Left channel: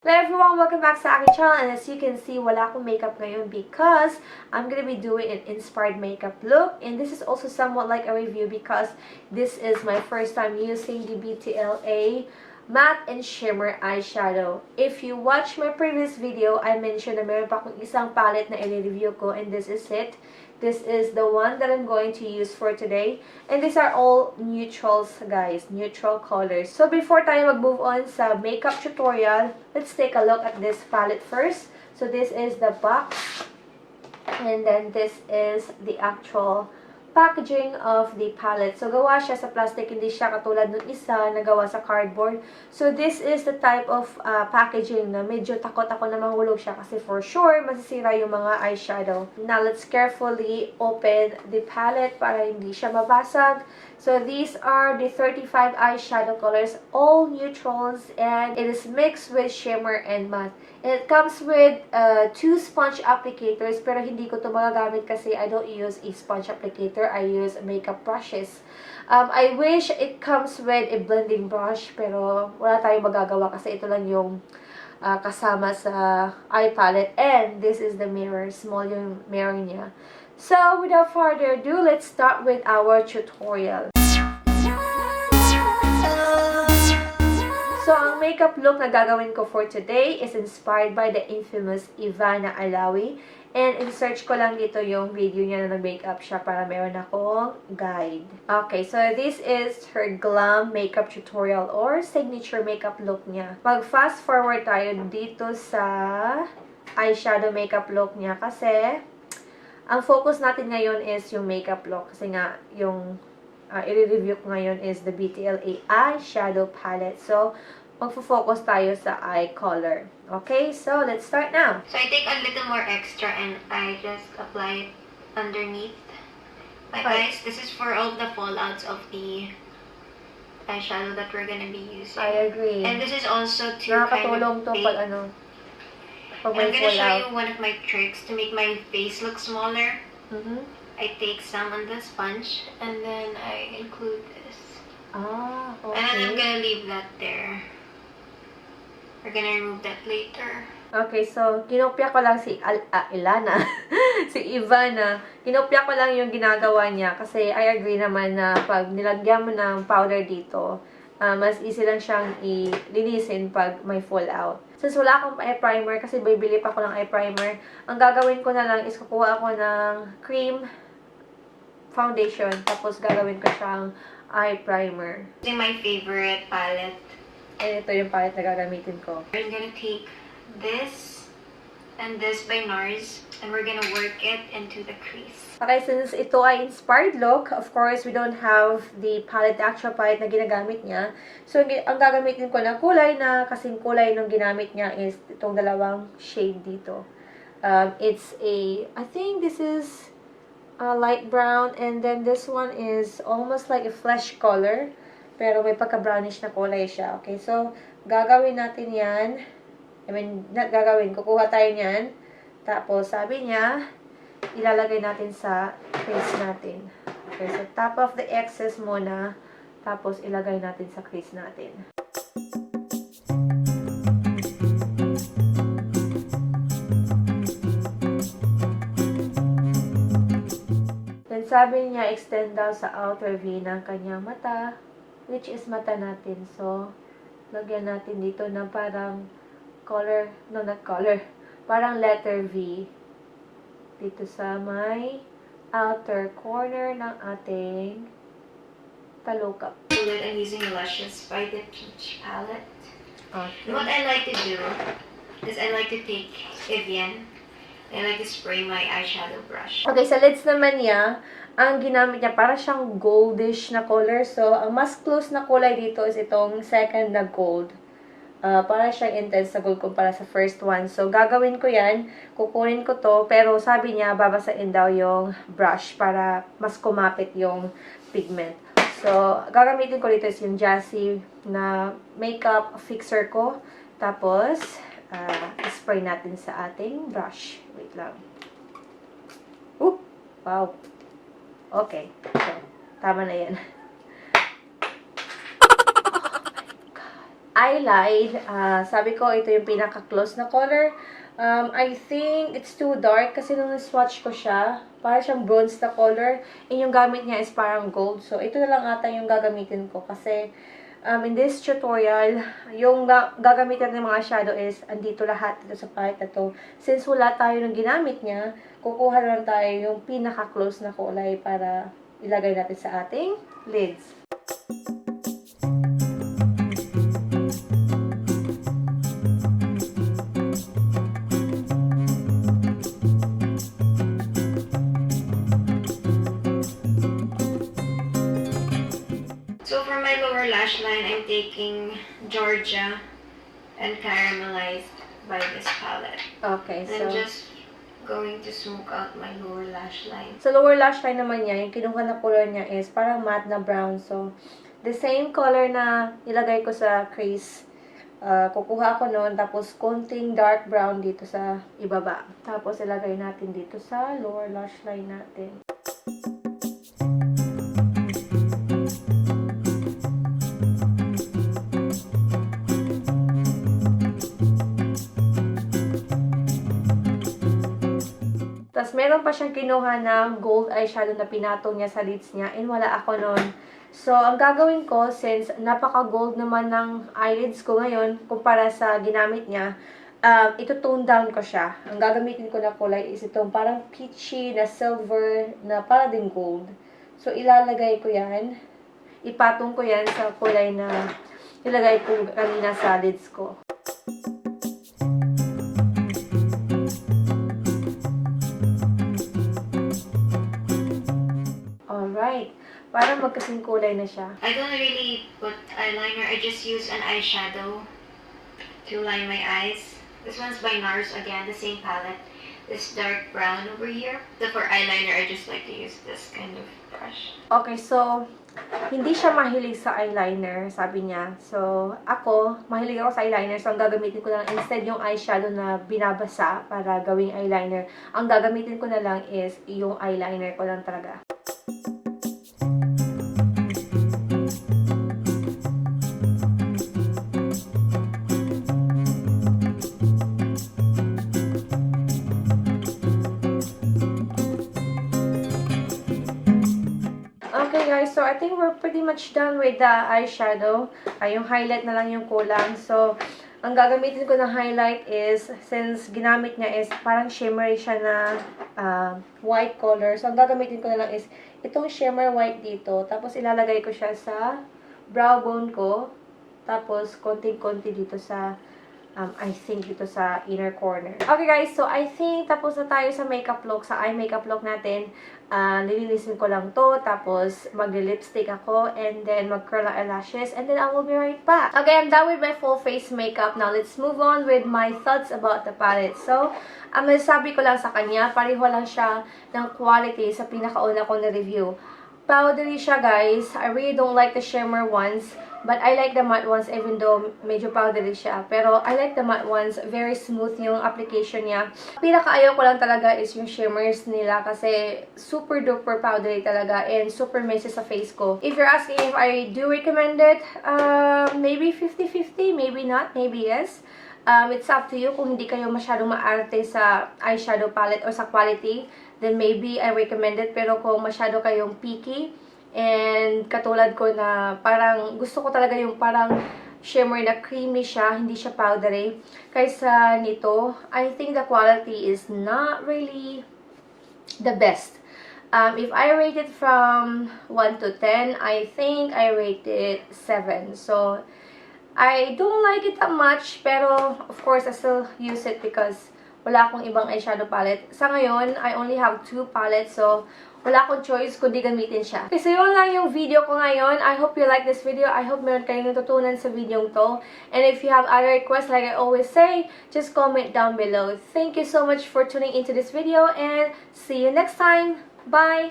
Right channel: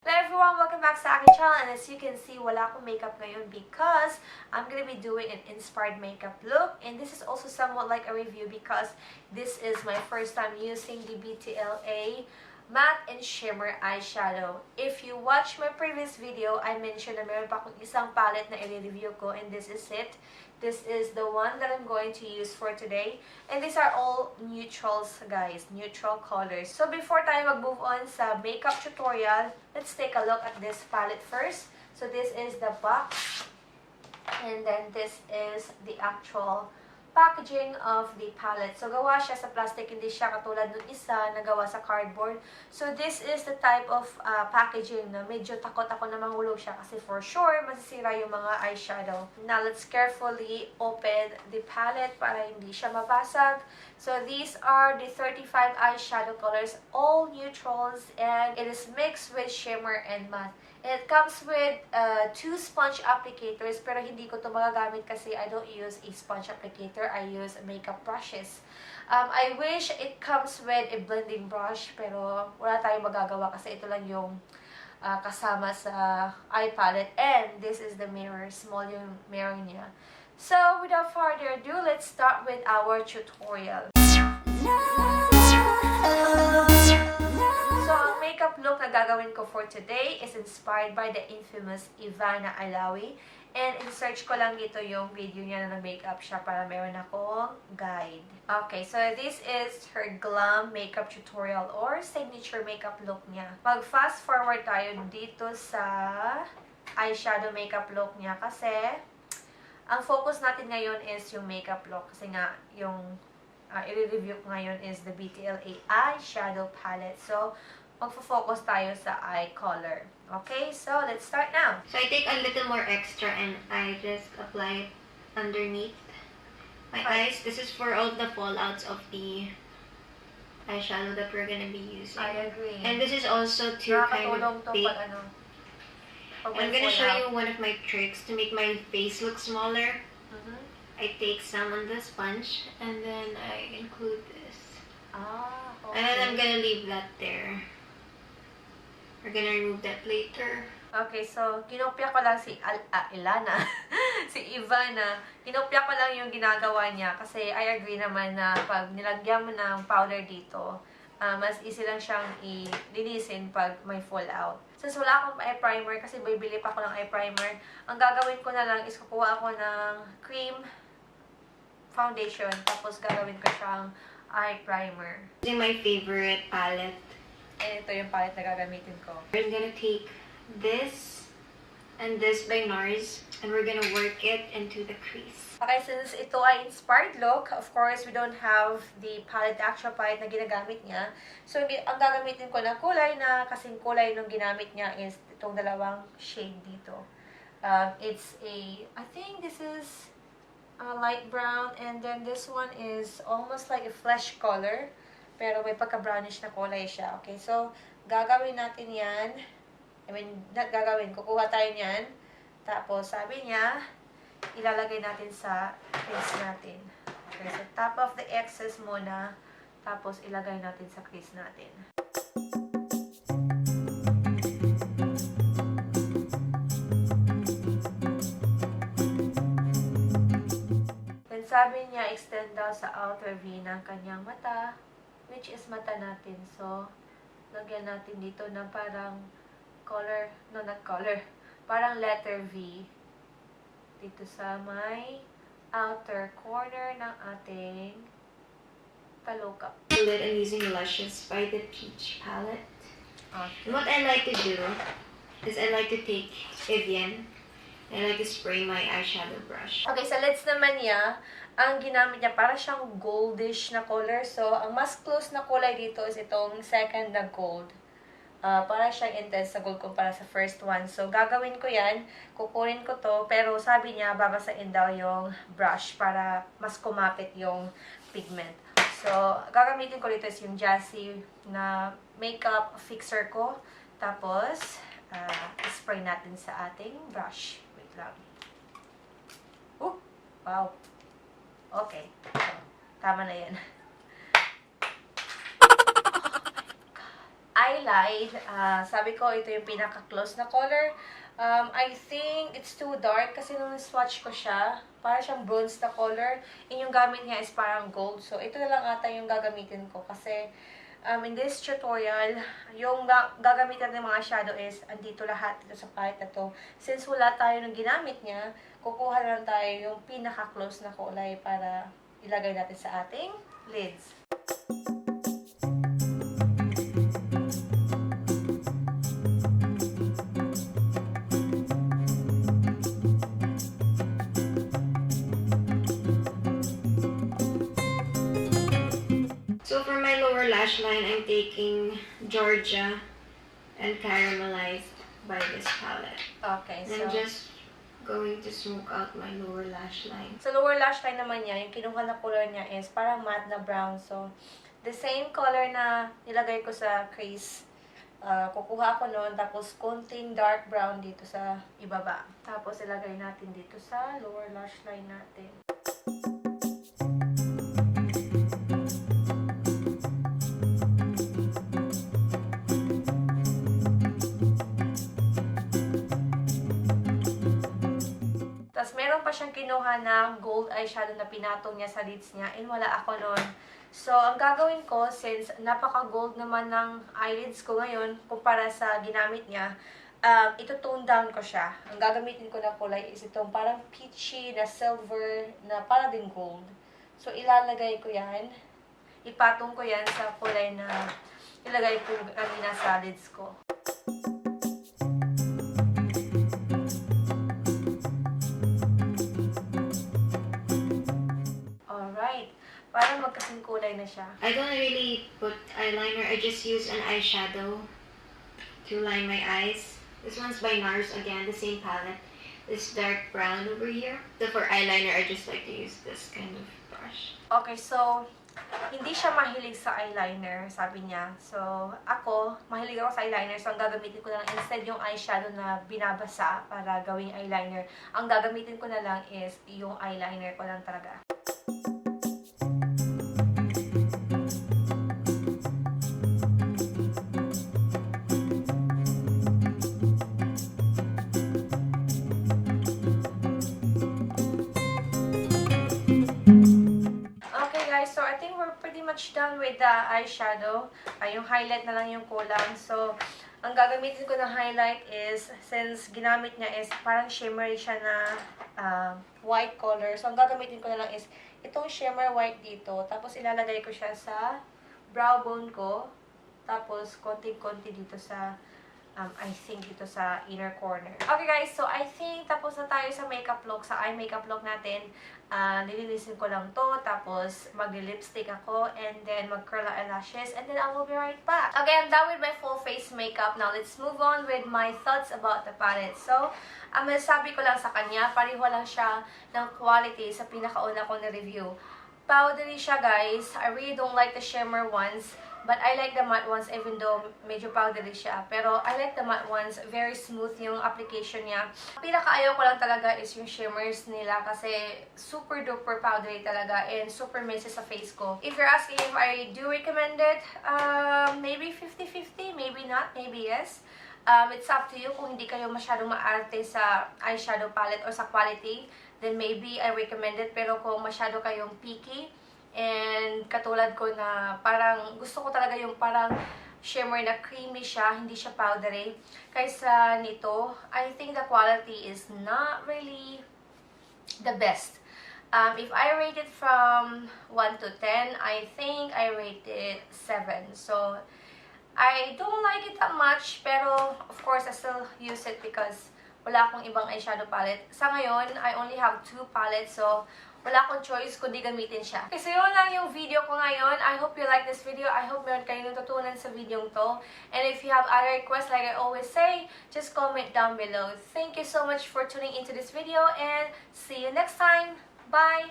Hello everyone! Welcome back sa aking channel, and as you can see, wala akong makeup ngayon because I'm gonna be doing an inspired makeup look, and this is also somewhat like a review because this is my first time using the BTLA Matte and Shimmer Eyeshadow. If you watch my previous video, I mentioned na meron pa akong isang palette na i-review ko, and this is it. This is the one that I'm going to use for today. And these are all neutrals, guys. Neutral colors. So, before tayo mag-move on sa makeup tutorial, let's take a look at this palette first. So, this is the box. And then, this is the actual packaging of the palette. So, gawa siya sa plastic. Hindi siya katulad ng isa na gawa sa cardboard. So, this is the type of packaging na medyo takot ako na mahulog siya kasi for sure, masisira yung mga eyeshadow. Now, let's carefully open the palette para hindi siya mabasag. So, these are the 35 eyeshadow colors, all neutrals, and it is mixed with shimmer and matte. And it comes with 2 sponge applicators, pero hindi ko ito magagamit kasi I don't use a sponge applicator. I use makeup brushes. I wish it comes with a blending brush, pero wala tayong magagawa kasi ito lang yung kasama sa eye palette. And this is the mirror. Small yung mirror niya. So, without further ado, let's start with our tutorial. So, ang makeup look na gagawin ko for today is inspired by the infamous Ivana Alawi. And in-search ko lang dito yung video niya na nag-makeup siya para meron akong guide. Okay, so this is her glam makeup tutorial or signature makeup look niya. Mag-fast forward tayo dito sa eyeshadow makeup look niya kasi ang focus natin ngayon is yung makeup look. Kasi nga, yung i-review ko ngayon is the BTLA eyeshadow palette. So, magfo-focus tayo sa eye color. Okay, so let's start now. So I take a little more extra and I just apply it underneath my eyes. This is for all the fallouts of the eyeshadow that we're gonna be using. I agree. And this is also to kind of to pag ano. Pag I'm gonna show you one of my tricks to make my face look smaller. I take some on the sponge and then I include this. Ah, okay. And then I'm gonna leave that there. We're gonna remove that later. Okay, so kinopya ko lang si Ilana, si Ivana. Kinopya ko lang yung ginagawa niya kasi I agree naman na pag nilagyan mo ng powder dito, mas easy lang siyang ilinisin pag may fallout. Since wala akong eye primer kasi bibili pa ako ng eye primer, ang gagawin ko na lang is kukuha ako ng cream foundation tapos gagawin ko siyang eye primer. Using my favorite palette. And ito yung palette na gagamitin ko. We're gonna take this and this by NARS and we're gonna work it into the crease. Okay, since ito ay inspired look, of course, we don't have the palette, the actual palette na ginagamit niya. So, ang gagamitin ko na kulay na kasing kulay nung ginamit niya is itong dalawang shade dito. It's I think this is light brown, and then this one is almost like a flesh color. Pero may pagka-brownish na kulay siya. Okay, so, gagawin natin yan. Kukuha tayo niyan. Tapos, sabi niya, ilalagay natin sa crease natin. Okay, so, top of the excess muna. Tapos, ilagay natin sa crease natin. Then, sabi niya, extend daw sa outer V ng kanyang mata, which is mata natin. So, lagyan natin dito ng parang parang letter V dito sa may outer corner ng ating talukap. I'm using Luscious by the Peach palette. Okay. What I like to do is I like to take Evian and I like to spray my eyeshadow brush. Okay, sa lids naman niya, ang ginamit niya para siyang goldish na color. So, ang mas close na kulay dito is itong second na gold. Para siyang intense na gold kumpara sa first one. So, gagawin ko yan. Kukunin ko to. Pero sabi niya, babasain daw yung brush para mas kumapit yung pigment. So, gagamitin ko dito is yung Jassy na makeup fixer ko. Tapos, spray natin sa ating brush. Wait lang. Wow. Okay. So, tama na yan. eyelid. Sabi ko, ito yung pinaka-close na color. I think it's too dark kasi nung swatch ko siya, para siyang bronze na color. And yung gamit niya is parang gold. So, ito na lang ata yung gagamitin ko kasi in this tutorial, yung gagamitin ng mga shadow is andito lahat dito sa palette na to. Since wala tayo ng ginamit niya, kukuha lang tayo yung pinaka-close na kulay para ilagay natin sa ating lids. So for my lower lash line, I'm taking Georgia and caramelized by this palette. Okay, and I'm just going to smoke out my lower lash line. Sa lower lash line naman niya, yung kinuha na color niya is parang matte na brown. So, the same color na nilagay ko sa crease. Kukuha ako noon, tapos konting dark brown dito sa ibaba. Tapos ilagay natin dito sa lower lash line natin. Tapos, meron pa siyang kinuha na gold eyeshadow na pinatong niya sa lids niya. And wala ako nun. So, ang gagawin ko, since napaka-gold naman ng eyelids ko ngayon, kumpara sa ginamit niya, ito-tone down ko siya. Ang gagamitin ko na kulay is itong parang peachy na silver na para din gold. So, ilalagay ko yan. Ipatong ko yan sa kulay na nilagay ko kanina sa lids ko. Para magkasing kulay na siya. I don't really put eyeliner. I just use an eyeshadow to line my eyes. This one's by NARS again, the same palette. This dark brown over here. So for eyeliner, I just like to use this kind of brush. Okay, so hindi siya mahilig sa eyeliner, sabi niya. So ako, mahilig ako sa eyeliner. So ang gagamitin ko lang instead yung eyeshadow na binabasa para gawing eyeliner. Ang gagamitin ko na lang is yung eyeliner ko lang talaga. So, I think we're pretty much done with the eyeshadow. Yung highlight na lang yung kulang. So, ang gagamitin ko na highlight is, since ginamit niya is parang shimmery siya na white color. So, ang gagamitin ko na lang is itong shimmer white dito. Tapos, ilalagay ko siya sa brow bone ko. Tapos, konting-konti dito sa I think dito sa inner corner. Okay guys, so I think tapos na tayo sa makeup look, sa eye makeup look natin. Nilinisin ko lang to, tapos mag-lipstick ako, and then mag-curl eyelashes, and then I will be right back. Okay, I'm done with my full face makeup. Now, let's move on with my thoughts about the palette. So, masasabi ko lang sa kanya, pareho lang siya ng quality sa pinakauna ko na review. Powdery siya guys. I really don't like the shimmer ones. But I like the matte ones even though medyo powdery siya. Pero I like the matte ones. Very smooth yung application niya. Pinakaayaw ko lang talaga is yung shimmers nila kasi super duper powdery talaga and super messy sa face ko. If you're asking if I do recommend it, maybe 50-50, maybe not, maybe yes. It's up to you kung hindi kayo masyadong maarte sa eyeshadow palette or sa quality, then maybe I recommend it. Pero kung masyado kayong picky, and katulad ko na parang gusto ko talaga yung parang shimmer na creamy siya, hindi siya powdery. Kaysa nito, I think the quality is not really the best. If I rate it from 1 to 10, I think I rate it 7. So, I don't like it that much, pero of course, I still use it because wala akong ibang eyeshadow palette. Sa ngayon, I only have 2 palettes, so wala akong choice kundi gamitin siya. Okay, so yun lang yung video ko ngayon. I hope you like this video. I hope meron kayong natutunan sa video to. And if you have other requests, like I always say, just comment down below. Thank you so much for tuning into this video and see you next time. Bye!